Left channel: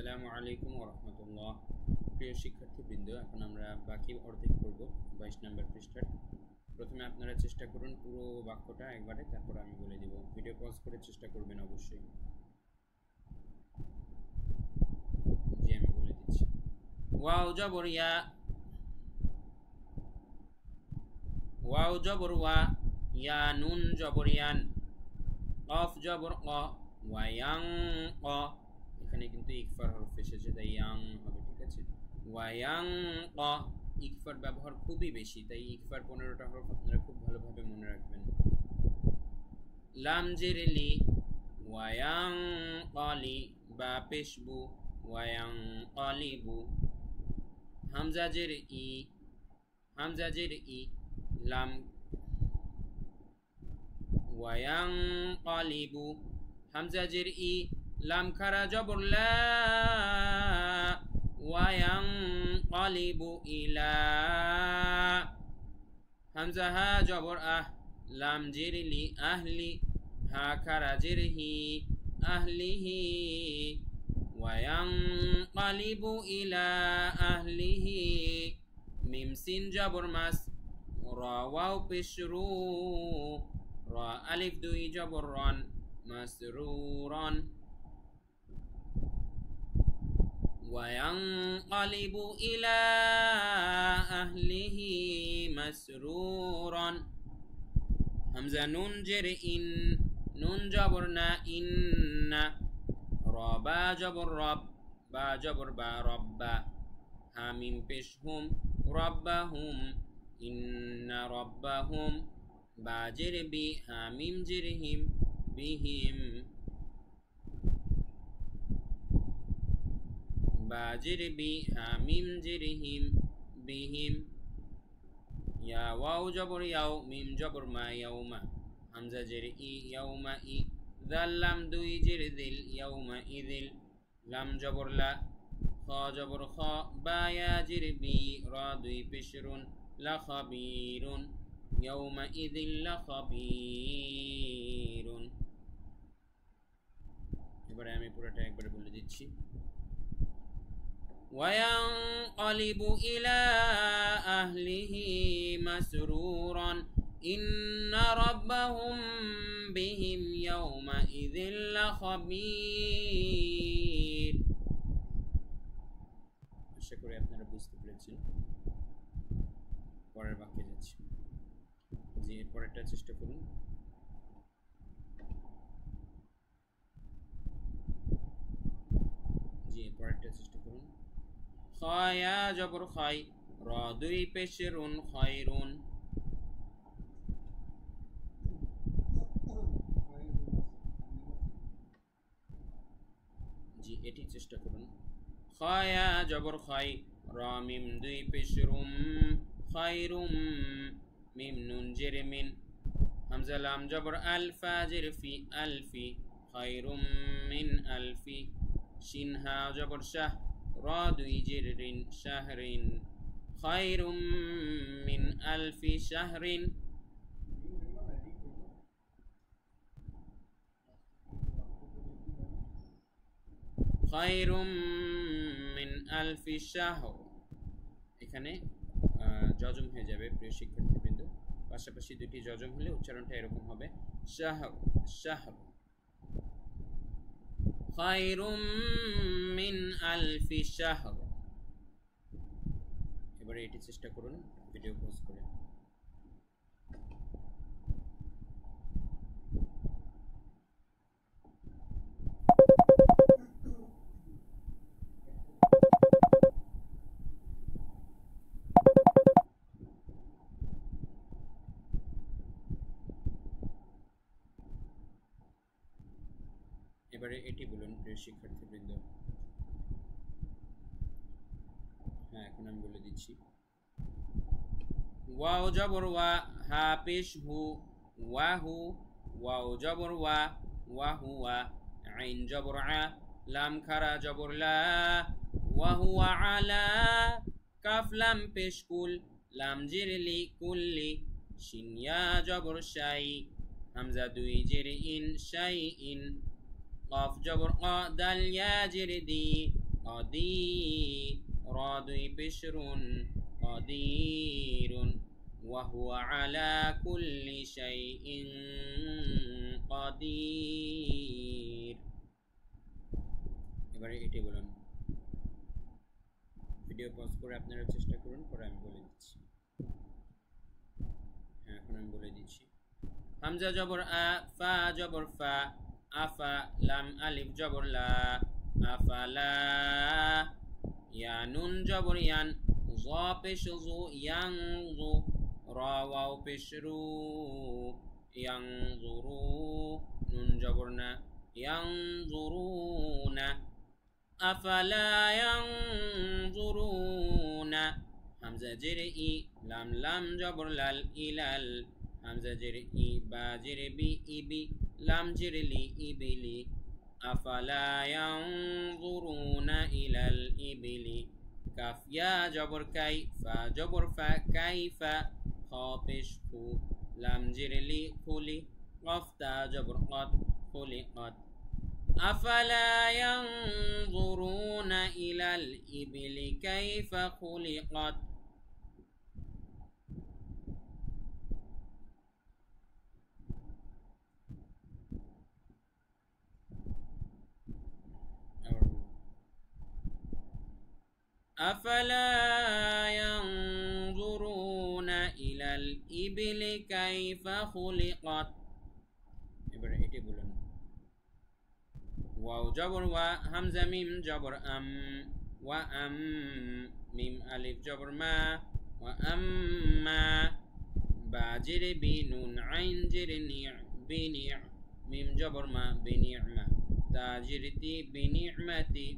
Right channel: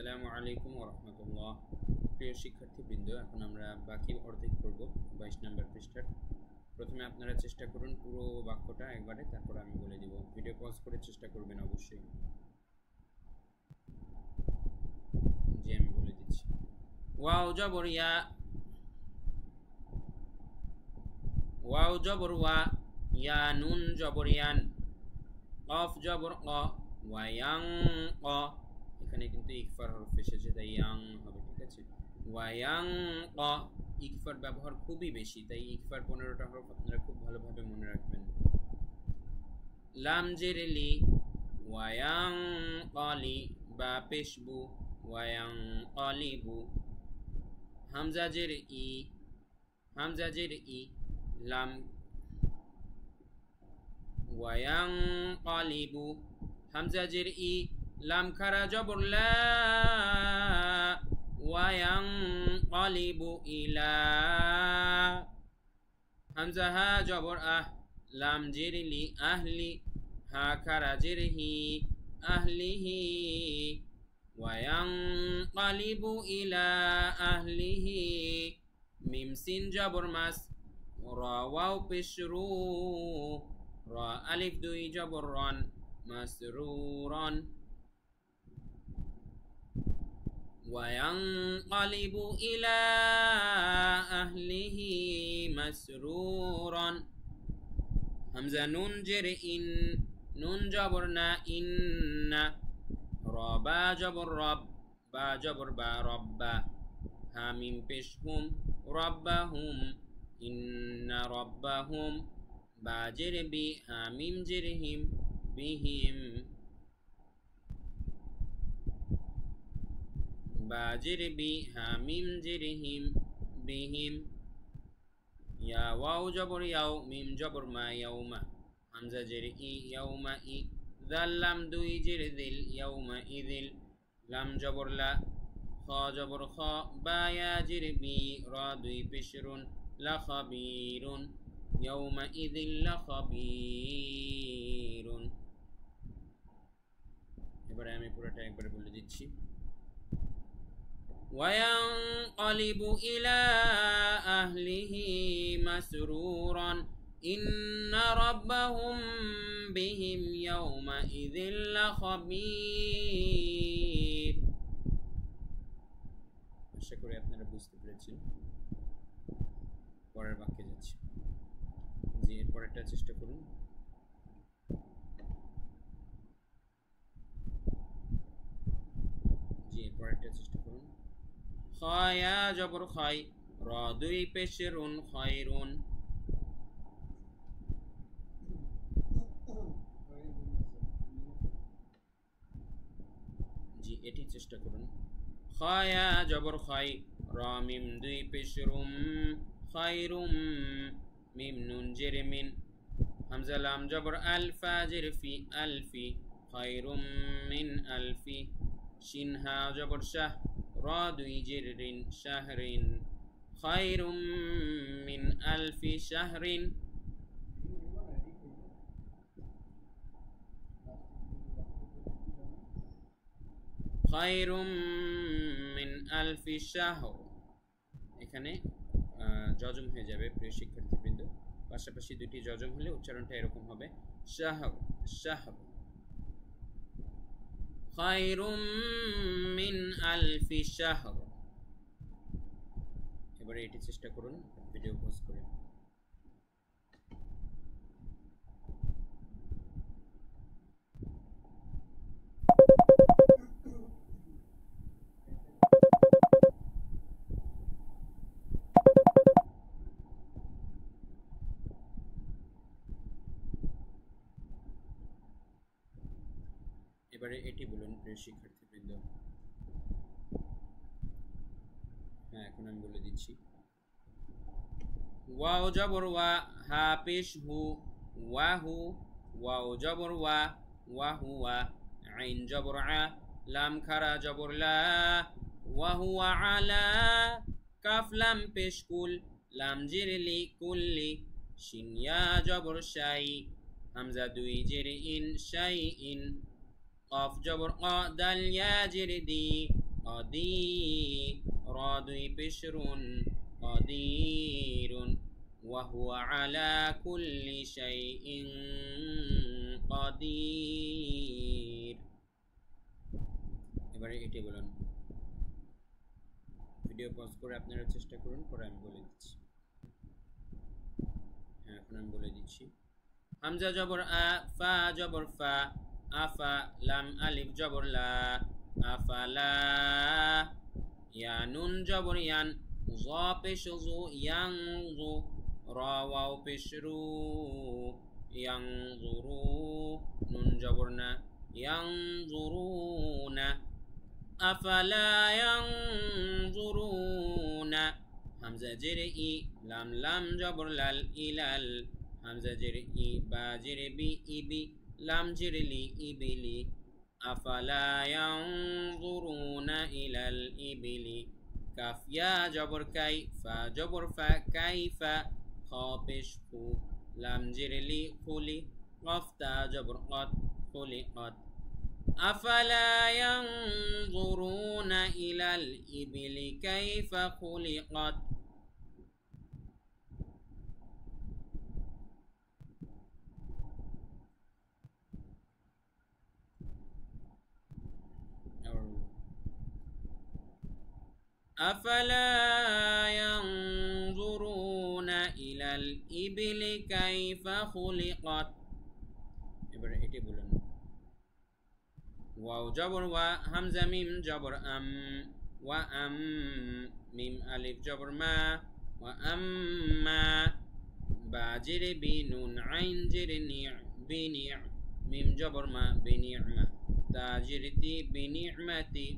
আসসালামু আলাইকুম ওয়া রাহমাতুল্লাহ। প্রিয় শিক্ষার্থীবৃন্দ, এখন আমরা বাকি অর্ধেক পড়ব 22 নম্বর পৃষ্ঠার। প্রথমে আপনারা চেষ্টা করুন পুরো বাক্যটা একবারে, তারপর আমি বলে দিব। ভিডিও পজ করে চেষ্টা করবেন অবশ্যই। জি, আমি বলে দিচ্ছি। ওয়াও জবর ইয়া, ওয়াও জবর ওয়া, ইয়া নুন জবর ইয়ান, কফ জবর ক, ওয়ায়াং ক। এখানে কিন্তু ইকফার হরফ এসেছে, তাই ইয়াং হবে, ঠিক আছে। ওয়ায়াং ক, ইকফার ব্যবহার খুবই বেশি, তাই ইকফার 15টা হরফ আপনারা খুব ভালোভাবে মনে রাখবেন। লাম জের লি, ওয়ায়াং কলি, বা পেশবু, ওয়ায়াং কলিবু। হামজা জের ই, হামজা জের ই, লাম, ওয়ায়াং কলিবু। হামজা জের ই, লাম খারা জবর লা, ওয়ায়াং কলিবু ইলা। হামজা হা জবর আহ, লাম জের লি, আহলি, হা খারা জের হি, আহলিহি। ওয়ায়াং কলিবু ইলা আহলিহি। মিম সিন জবর মাস, রা ওয়াও পেশ রু, রা আলিফ দুই জবর রন, মাসরুরন। وينقلب إلى أهله مسرورا. همزة نون جر إن، نون جبرنا إن، ربا جبر رب، با جبر با ربا، هاميم بشهم ربهم، إن ربهم، با جر بي، هاميم جرهم بهم، باجر بي، هاميم جرهم بهم. يا واو جبر يو، ميم جبر ما يوم، همزة جر إي، يوم إي، ذا لام دوي جر ذل، يوم إذل، لام جبر لا، خا جبر خا، با يا جر بي، را دوي بشر، لخبير، يوم إذل لخبير. এবারে আমি পুরোটা একবারে বলে দিচ্ছি। وينقلب إلى أهله مسرورا، إن ربهم بهم يومئذ لخبير. আশা করি আপনারা বুঝতে পেরেছেন। পরের বাক্যে যাচ্ছি। জি, এর পরেরটা চেষ্টা করুন। জি, এর পরেরটা চেষ্টা করুন। খায়া জবর খাই, রা দুই পেশরুন, খায়রুন। জি, এটি চেষ্টা করুন। খায়া জবর খাই, রা মিম দুই পেশরুম, খায়রুম, মিম নুন জের মিন, হামজা লাম জবর আল, ফা জের ফি, আলফি, খায়রুম মিন আলফি। শিন হা জবর শাহ, রা দুই জের রিন, শাহরিন, খায়রুম মিন আলফি শাহরিন। খায়রুম মিন আলফি শাহর। এখানে যজম হয়ে যাবে প্রিয় শিক্ষার্থীবৃন্দ, পাশাপাশি দুটি যজম হলে উচ্চারণটা এরকম হবে, শাহর, শাহর। খায়রুম মিন আলফি শাহর। এবারে এটি চেষ্টা করুন ভিডিও পজ করে। এবারে এটি বলুন প্রিয় শিক্ষার্থীবৃন্দ। হ্যাঁ, এখন আমি বলে দিচ্ছি। ওয়াও জবর ওয়া, হা পেশ হু, ওয়াহু, ওয়াও জবর ওয়া, ওয়াহুয়া, আইন জবর আ, লাম খারা জবর লা, ওয়াহুয়া আলা, কাফ লাম পেশ কুল, লাম জের লি, কুল্লি, শিন ইয়া জবর শাই, হামজা দুই জের ইন, শাই ইন, কফ জবর ক, দাল ইয়া জের দি, قدي را দুই পেশ রুন قدير وهو على كل شيء قدير এবারে এটি বলুন ভিডিও পজ করে আপনারা চেষ্টা করুন পরে আমি বলে দিচ্ছি হ্যাঁ এখন আমি বলে দিচ্ছি হামজা জবর আ ফা জবর ফা আফা লাম আলিফ জবর লা আফালা ইয়া নুন জবর ইয়ান জ পেশ জু ইয়াং জু রা ওয়াও পেশ রু ইয়াং জুরু নুন জবর না ইয়াং জুরুনা আফালা ইয়াং জুরুনা হামজা জেরে ই লাম লাম জবর লাল ইলাল হামজা জেরে ই বা জেরে বি ইবি লাম জেরে লি ইবিলি আফালা ইয়ানজুরুনা ইলাল ইবিলি কাফ ইয়া জবর কাই ফা জবর ফা কাইফা খ পেশ ফু লাম জেরে লি খুলি কফ তা জবর কত খুলিকত আফালা ইয়ানজুরুনা ইলাল ইবিলি কাইফা খুলিকত أفلا ينظرون إلى الإبل كيف خلقت এবারে এটি বলুন ওয়াও জবর ওয়া হামজা মিম জবর ওয়া মিম আলিফ জবর মা ওয়া আম্মা বা জেরে বি নুন আইন জেরে নি বিনি মিম জবর মা বিনি'মা তা জেরে তি বিনি'মাতি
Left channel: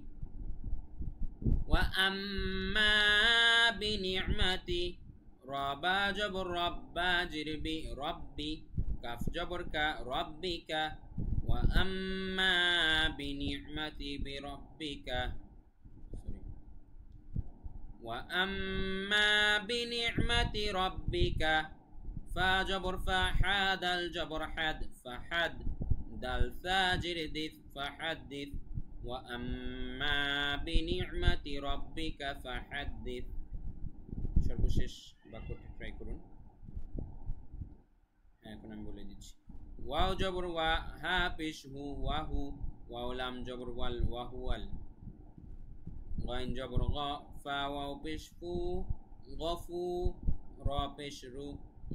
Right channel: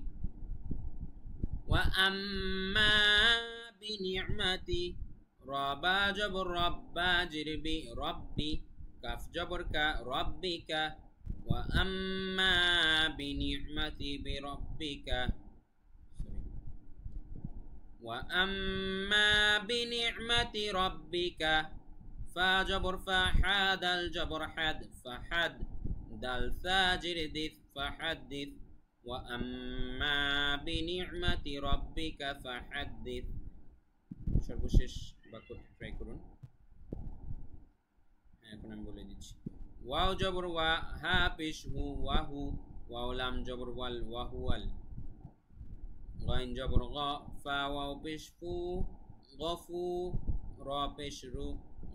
وأما بنعمتي ربا جبر ربا جربي ربي كف جبر كا ربك وأما بنعمتي بربك وأما بنعمة ربك فجبر فحاد الجبر حد فحد دل ثاجر دث فحدث وأما بنعمة ربك فحدث সর্বশেষ বাক্যটি ট্রাই করুন হ্যাঁ এখন আমি বলে দিচ্ছি ওয়াও জবর ওয়া হা পেশ হু ওয়াহু ওয়াও লাম জবর ওয়াল ওয়াহুয়াল গাইন জবর গা ফা ওয়াও পেশ ফু গফু রা পেশ রু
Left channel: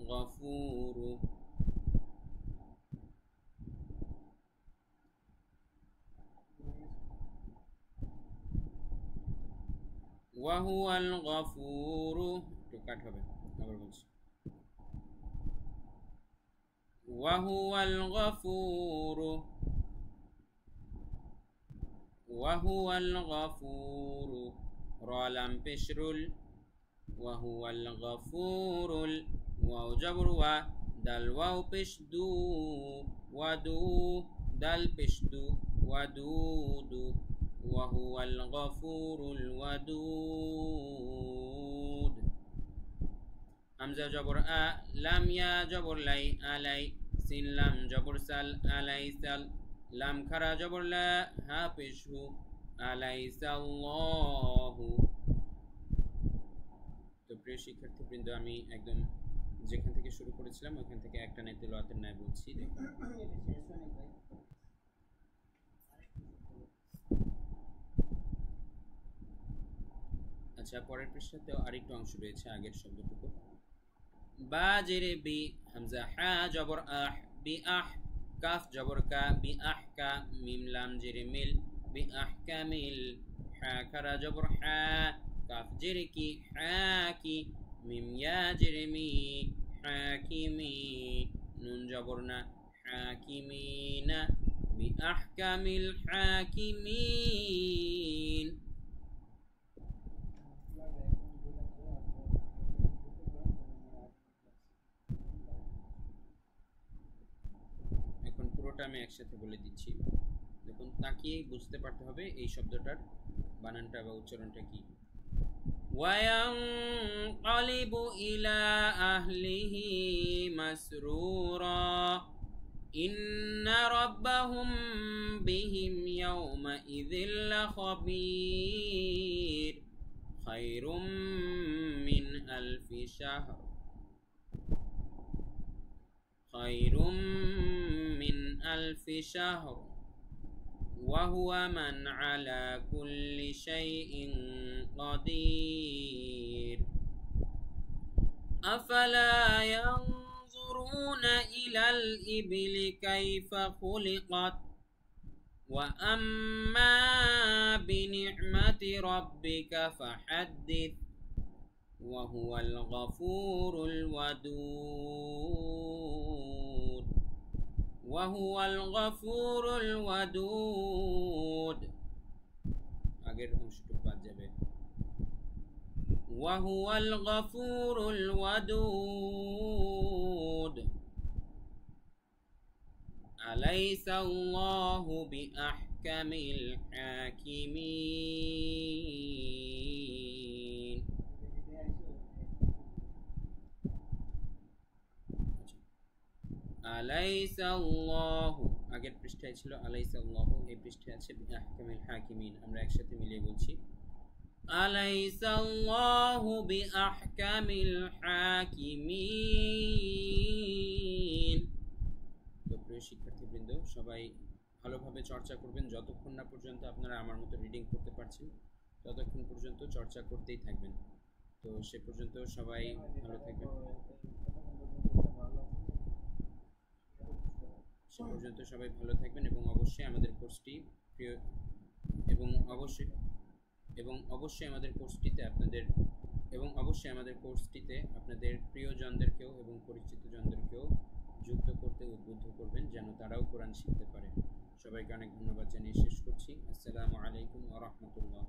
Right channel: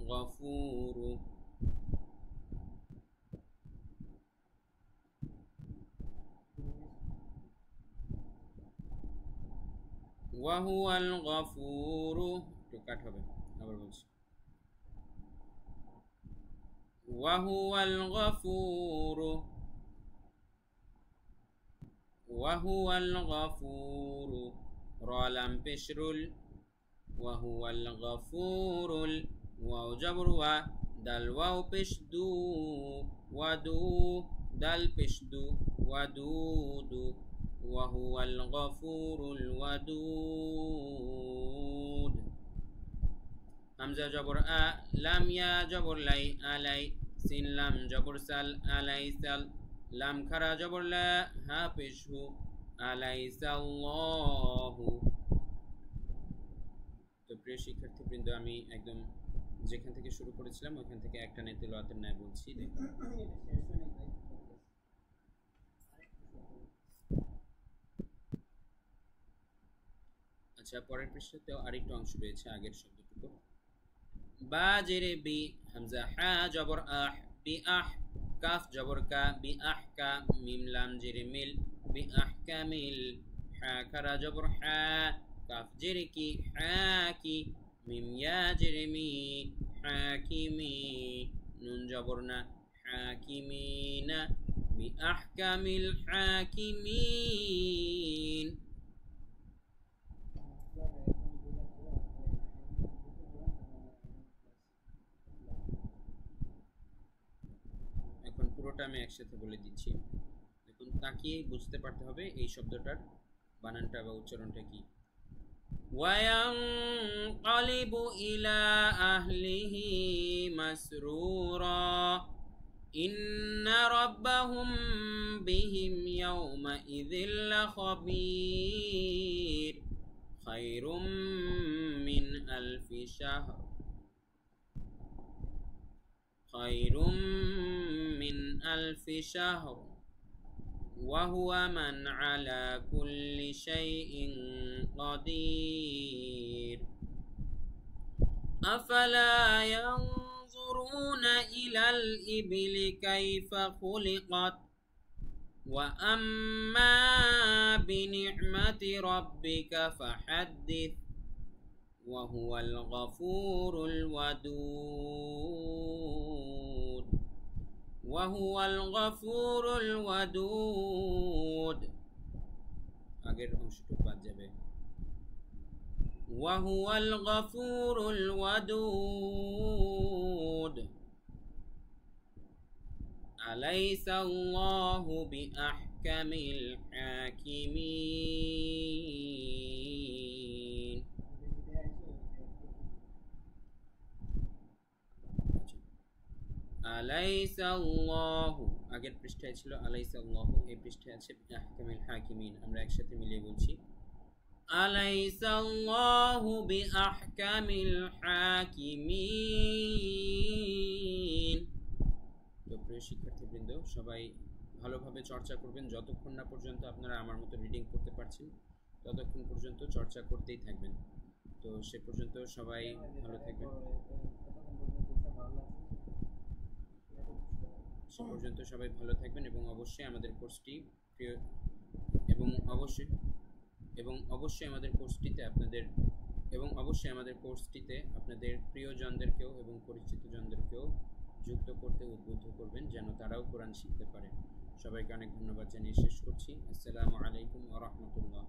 গফুরু ওয়াহুয়াল গফুরু একটু কাট হবে আবার বলছি ওয়াহুয়াল গফুরু ওয়াহুয়াল গফুরু রা লাম পেশরুল ওয়াহুয়াল গফুরুল ওয়াও জবর ওয়া দাল ওয়াও পেশ দু ওয়াদু দাল পেশ দু ওয়াদুদু وهو الغفور الودود همزة جبر أ لام يا جبر لي علي سين لام جبر سل أليس لام خرا جبر لا هافشه أليس الله তো প্রিয় শিক্ষার্থীবৃন্দ আমি একদম যেখান থেকে শুরু করেছিলাম ওখান থেকে একটা নে তেলাওয়াতের ন্যায় বলছি দেখুন আচ্ছা পরের পৃষ্ঠাতেও আরেকটু অংশ রয়েছে আগের শব্দটুকু বা জেরে বি হামজা হা জবর আহ বি আহ কাফ জবর কা বি আহ কা মিম লাম জেরে মিল বি আহ কামিল হা খারা জবর হা কাফ জেরে কি হা কি মিম ইয়া জেরে মি হাকিমি নুন জবর না হাকিমিনা বি আহকামিল হাকিমিন পুরোটা আমি একসাথে বলে দিচ্ছি দেখুন তাকিয়ে বুঝতে পারতে হবে এই শব্দটার বানানটা বা উচ্চারণটা কি ওয়ায়ানকালিবু ইলা আহলিহি মাসরুরা إن ربهم بهم يومئذ لخبير خير من ألف شهر خير من ألف شهر وهو من على كل شيء قدير أفلا ينظرون إلى الإبل كيف خلقت وأما بنعمة ربك فحدث وهو الغفور الودود وهو الغفور الودود আগের অংশটুকু বাদ যাবে وهو الغفور الودود أليس الله بأحكم الحاكمين أليس الله আগের পৃষ্ঠায় ছিল أليس الله এই পৃষ্ঠায় আছে بأحكم الحاكمين আমরা একসাথে মিলিয়ে বলছি أليس الله بأحكم الحاكمين তো প্রিয় শিক্ষার্থীবৃন্দ সবাই ভালোভাবে চর্চা করবেন যতক্ষণ না পর্যন্ত আপনারা আমার মতো রিডিং করতে পারছেন ততক্ষণ পর্যন্ত চর্চা করতেই থাকবেন তো সে পর্যন্ত সবাই ভালো থাকবেন সে পর্যন্ত সবাই ভালো থাকবেন এবং অবশ্যই আমাদের কোর্সটি প্রিয় এবং অবশ্যই আমাদের কোর্সটিতে আপনাদের প্রিয়জনদেরকেও এবং পরিচিতজনদেরকেও যুক্ত করতে উদ্বুদ্ধ করবেন যেন তারাও কোরআন শিখতে পারে সবাইকে অনেক ধন্যবাদ জানিয়ে শেষ করছি আসসালামু আলাইকুম ওয়া রাহমাতুল্লাহ